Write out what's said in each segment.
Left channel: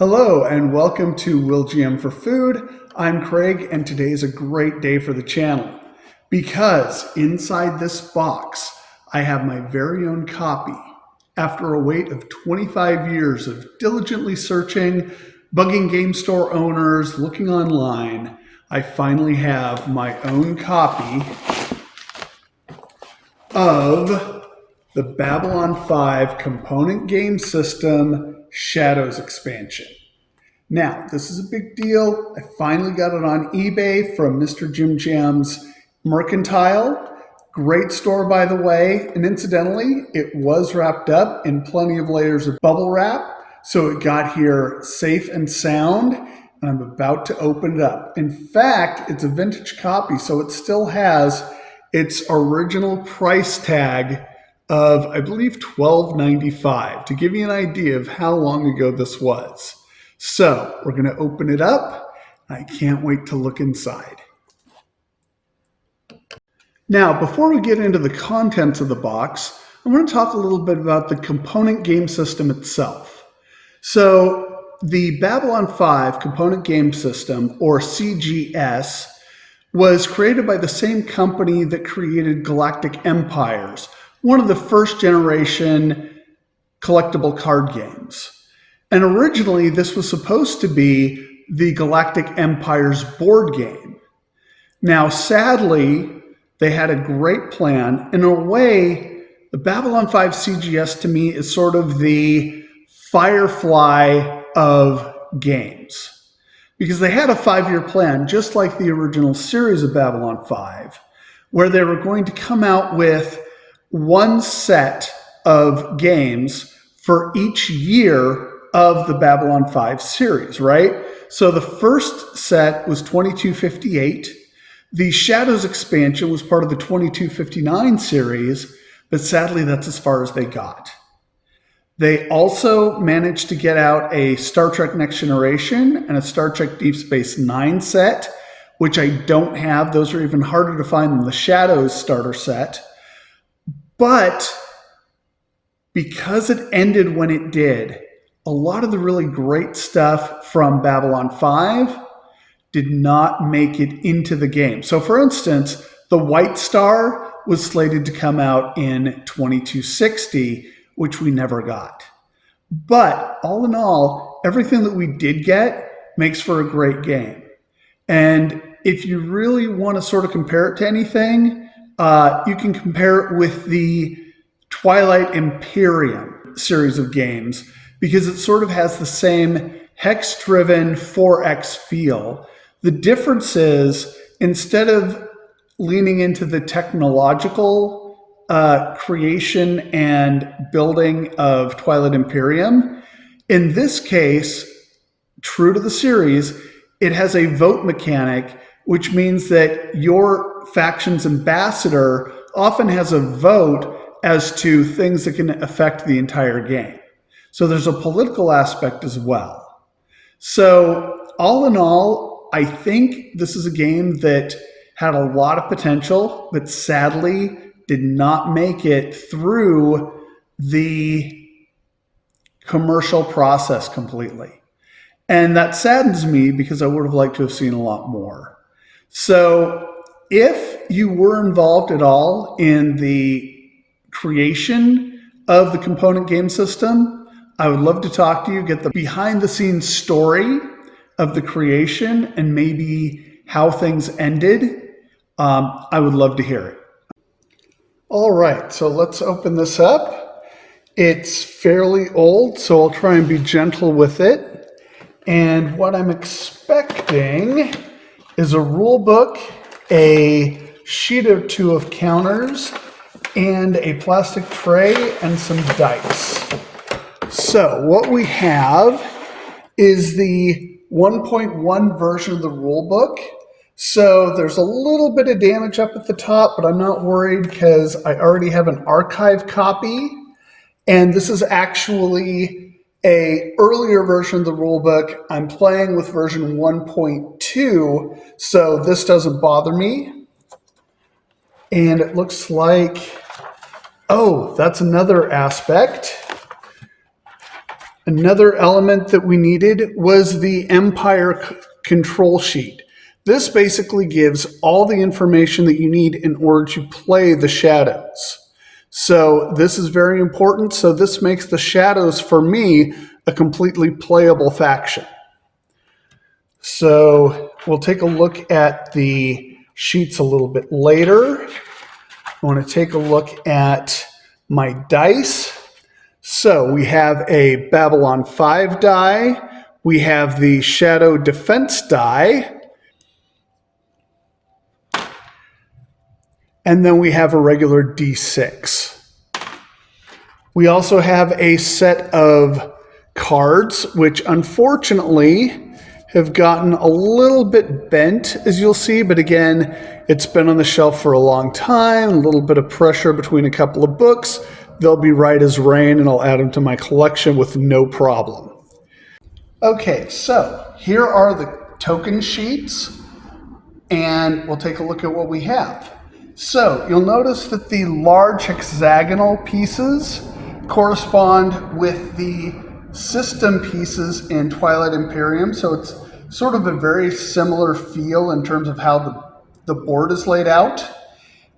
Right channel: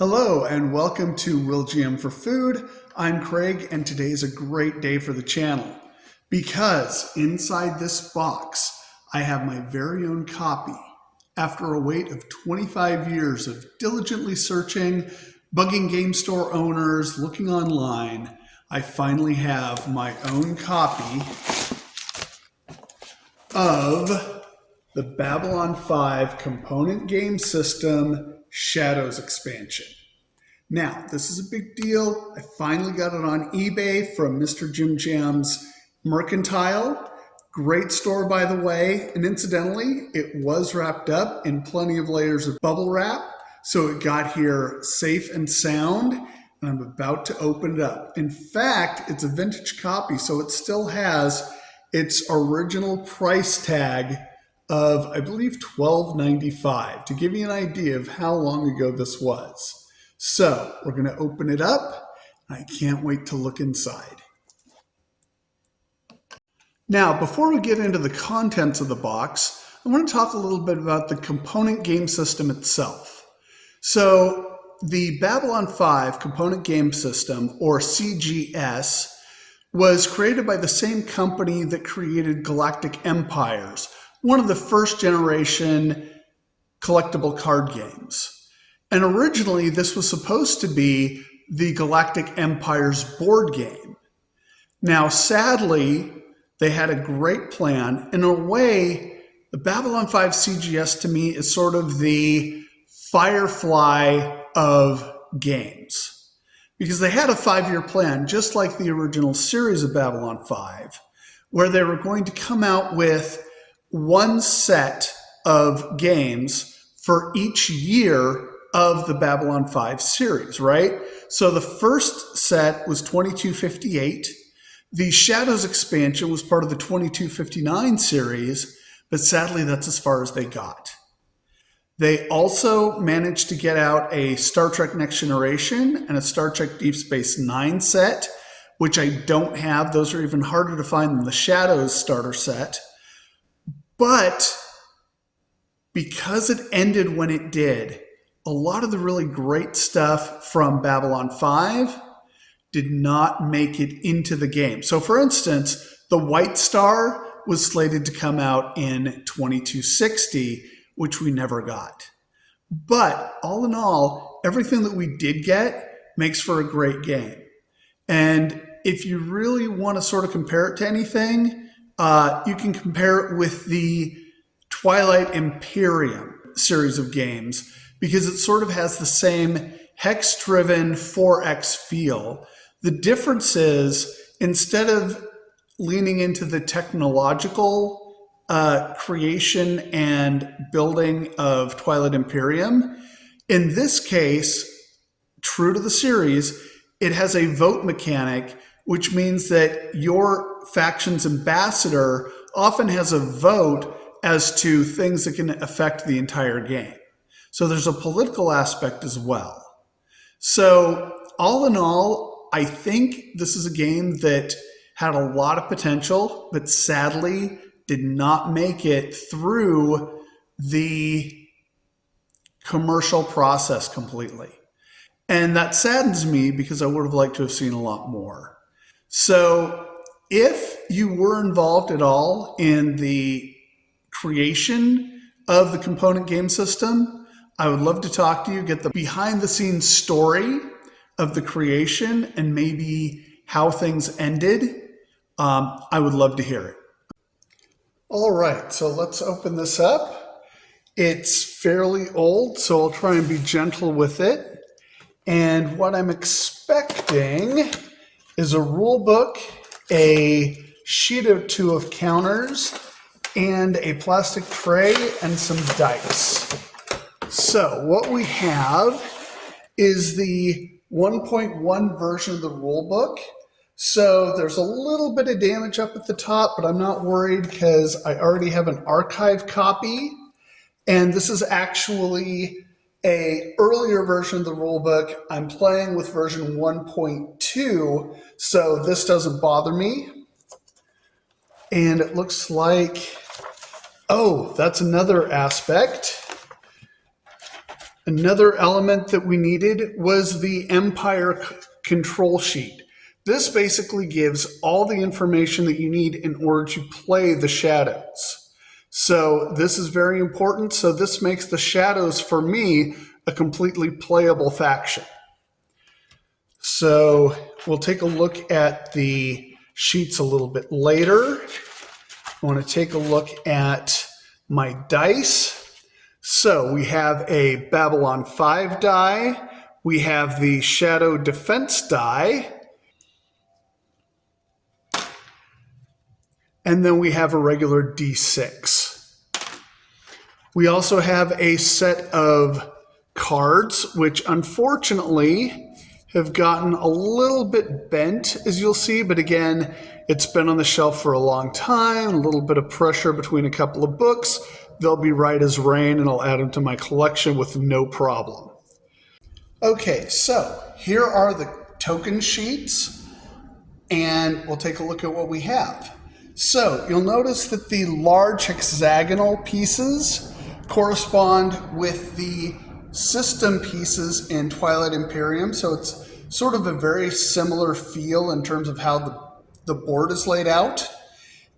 Hello and welcome to Will GM for Food. I'm Craig and today is a great day for the channel because inside this box I have my very own copy. After a wait of 25 years of diligently searching, bugging game store owners, looking online, I finally have my own copy of the Babylon 5 component game system Shadows expansion. Now, this is a big deal. I finally got it on eBay from Mr. Jim Jam's Mercantile. Great store, by the way. And incidentally, it was wrapped up in plenty of layers of bubble wrap. So it got here safe and sound. And I'm about to open it up. In fact, it's a vintage copy, so it still has its original price tag of, I believe, $12.95 to give you an idea of how long ago this was. So we're going to open it up. I can't wait to look inside. Now, before we get into the contents of the box, I want to talk a little bit about the component game system itself. So the Babylon 5 component game system, or CGS, was created by the same company that created Galactic Empires, one of the first generation collectible card games. And originally this was supposed to be the Galactic Empires board game. Now, sadly, they had a great plan. In a way, the Babylon 5 CGS to me is sort of the Firefly of games, because they had a 5-year plan, just like the original series of Babylon 5, where they were going to come out with one set of games for each year of the Babylon 5 series, right? So the first set was 2258. The Shadows expansion was part of the 2259 series, but sadly that's as far as they got. They also managed to get out a Star Trek Next Generation and a Star Trek Deep Space Nine set, which I don't have. Those are even harder to find than the Shadows starter set. But because it ended when it did, a lot of the really great stuff from Babylon 5 did not make it into the game. So for instance, the White Star was slated to come out in 2260, which we never got. But all in all, everything that we did get makes for a great game. And if you really want to sort of compare it to anything, you can compare it with the Twilight Imperium series of games, because it sort of has the same hex-driven 4X feel. The difference is, instead of leaning into the technological creation and building of Twilight Imperium, in this case, true to the series, it has a vote mechanic, which means that your faction's ambassador often has a vote as to things that can affect the entire game. So there's a political aspect as well. So all in all, I think this is a game that had a lot of potential, but sadly did not make it through the commercial process completely. And that saddens me because I would have liked to have seen a lot more. So if you were involved at all in the creation of the component game system, I would love to talk to you, get the behind the scenes story of the creation and maybe how things ended. I would love to hear it. All right, so let's open this up. It's fairly old, so I'll try and be gentle with it. And what I'm expecting is a rule book, a sheet or two of counters, and a plastic tray and some dice. So what we have is the 1.1 version of the rule book. So there's a little bit of damage up at the top, but I'm not worried because I already have an archive copy. And this is actually an earlier version of the rule book. I'm playing with version 1.2, so this doesn't bother me. And it looks like, oh, that's another aspect. Another element that we needed was the Empire control sheet. This basically gives all the information that you need in order to play the Shadows. So this is very important. So this makes the Shadows, for me, a completely playable faction. So we'll take a look at the sheets a little bit later. I want to take a look at my dice. So we have a Babylon 5 die. We have the Shadow Defense die. And then we have a regular D6. We also have a set of cards, which unfortunately have gotten a little bit bent, as you'll see. But again, it's been on the shelf for a long time, a little bit of pressure between a couple of books. They'll be right as rain, and I'll add them to my collection with no problem. Okay, so here are the token sheets, and we'll take a look at what we have. So you'll notice that the large hexagonal pieces correspond with the system pieces in Twilight Imperium. So it's sort of a very similar feel in terms of how the board is laid out.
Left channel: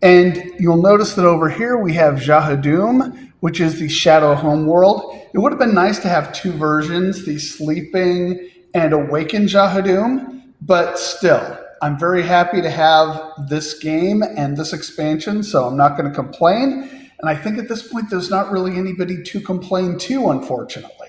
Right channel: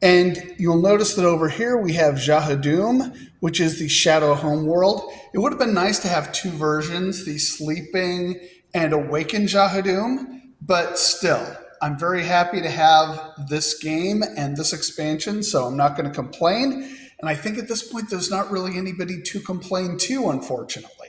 And you'll notice that over here we have Jahadum, which is the Shadow Homeworld. It would have been nice to have two versions, the Sleeping and Awakened Jahadum, but still, I'm very happy to have this game and this expansion, so I'm not going to complain. And I think at this point, there's not really anybody to complain to, unfortunately.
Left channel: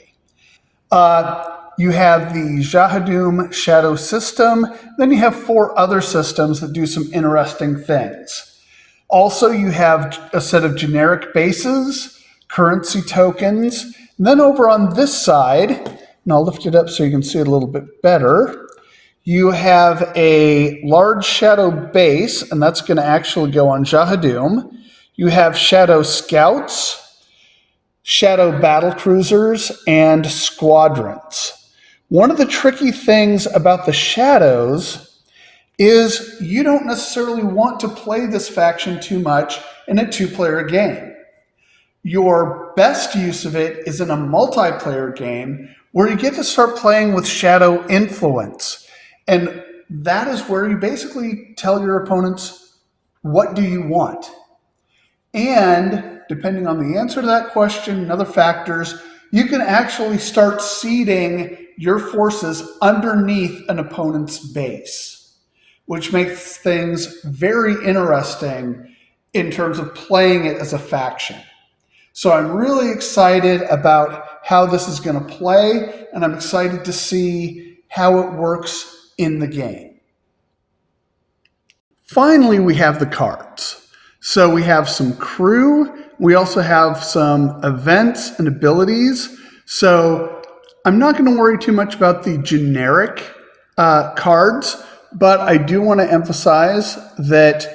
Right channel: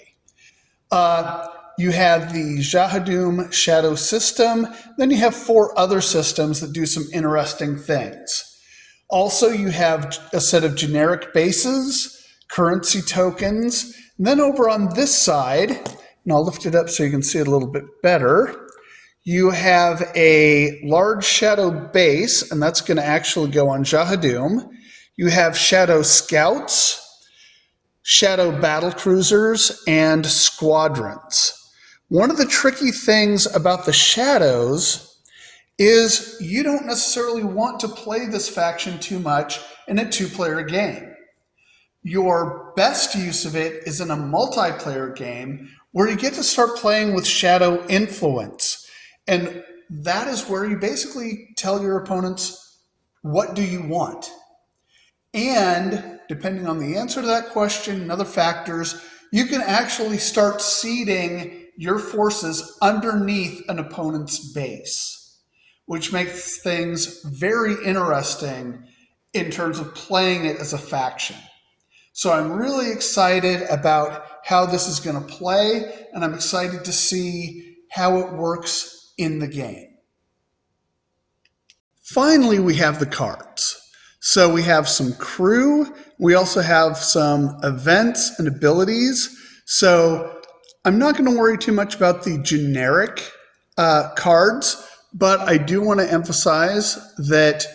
You have the Jahadum Shadow system. Then you have 4 other systems that do some interesting things. Also, you have a set of generic bases, currency tokens. And then over on this side, and I'll lift it up so you can see it a little bit better, you have a large shadow base, and that's going to actually go on Jahadum. You have shadow scouts, shadow battle cruisers, and squadrons. One of the tricky things about the Shadows is you don't necessarily want to play this faction too much in a 2-player game. Your best use of it is in a multiplayer game where you get to start playing with shadow influence. And that is where you basically tell your opponents, what do you want? And depending on the answer to that question and other factors, you can actually start seeding your forces underneath an opponent's base, which makes things very interesting in terms of playing it as a faction. So I'm really excited about how this is going to play, and I'm excited to see how it works in the game. Finally, we have the cards. So we have some crew. We also have some events and abilities. So I'm not going to worry too much about the generic cards, but I do want to emphasize that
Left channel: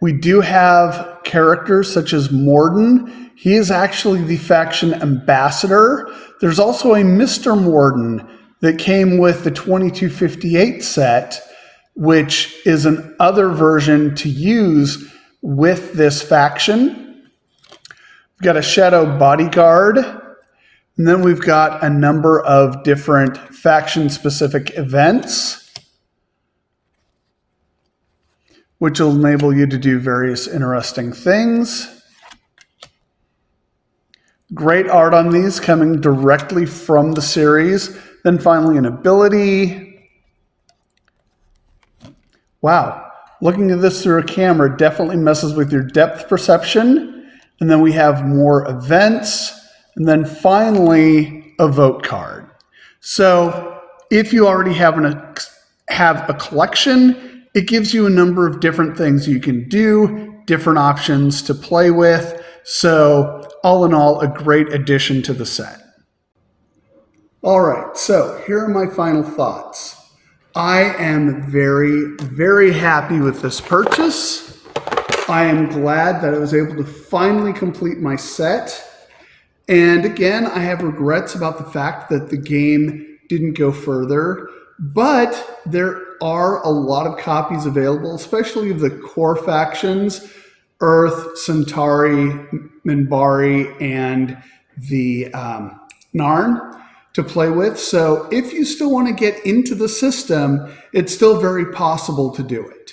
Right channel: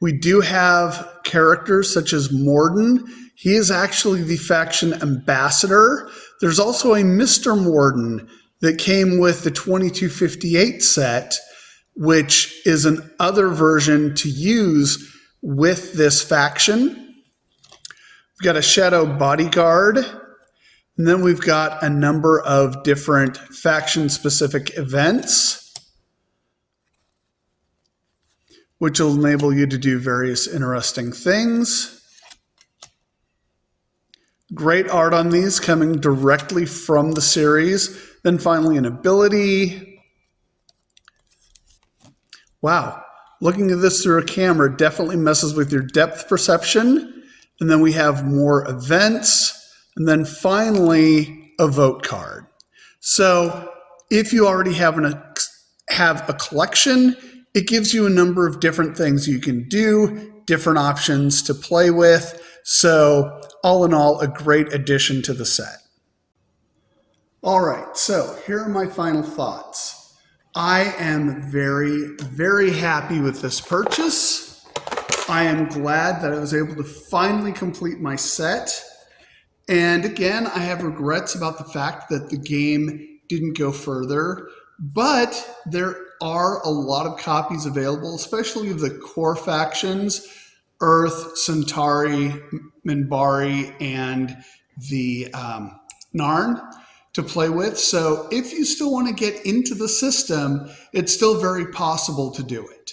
we do have characters such as Morden. He is actually the faction ambassador. There's also a Mr. Morden that came with the 2258 set, which is an other version to use with this faction. We've got a Shadow Bodyguard, and then we've got a number of different faction-specific events, which will enable you to do various interesting things. Great art on these coming directly from the series. Then finally an ability. Wow. Looking at this through a camera definitely messes with your depth perception. And then we have more events. And then finally, a vote card. So if you already have a collection, it gives you a number of different things you can do, different options to play with. So all in all, a great addition to the set. All right, so here are my final thoughts. I am very, very happy with this purchase. I am glad that I was able to finally complete my set. And again, I have regrets about the fact that the game didn't go further, but there are a lot of copies available, especially of the core factions, Earth, Centauri, Minbari, and the Narn. to play with. So if you still want to get into the system, it's still very possible to do it.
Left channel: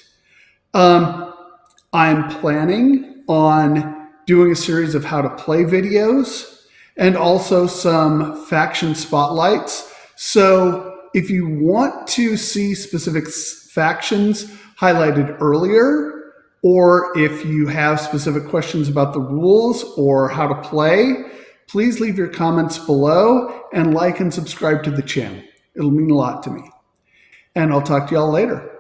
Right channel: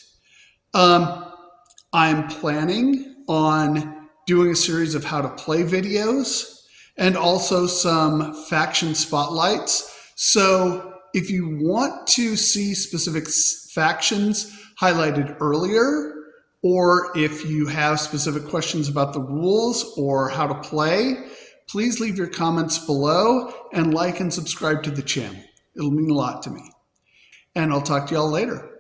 I'm planning on doing a series of how to play videos and also some faction spotlights. So if you want to see specific factions highlighted earlier, or if you have specific questions about the rules or how to play, please leave your comments below and like and subscribe to the channel. It'll mean a lot to me. And I'll talk to y'all later.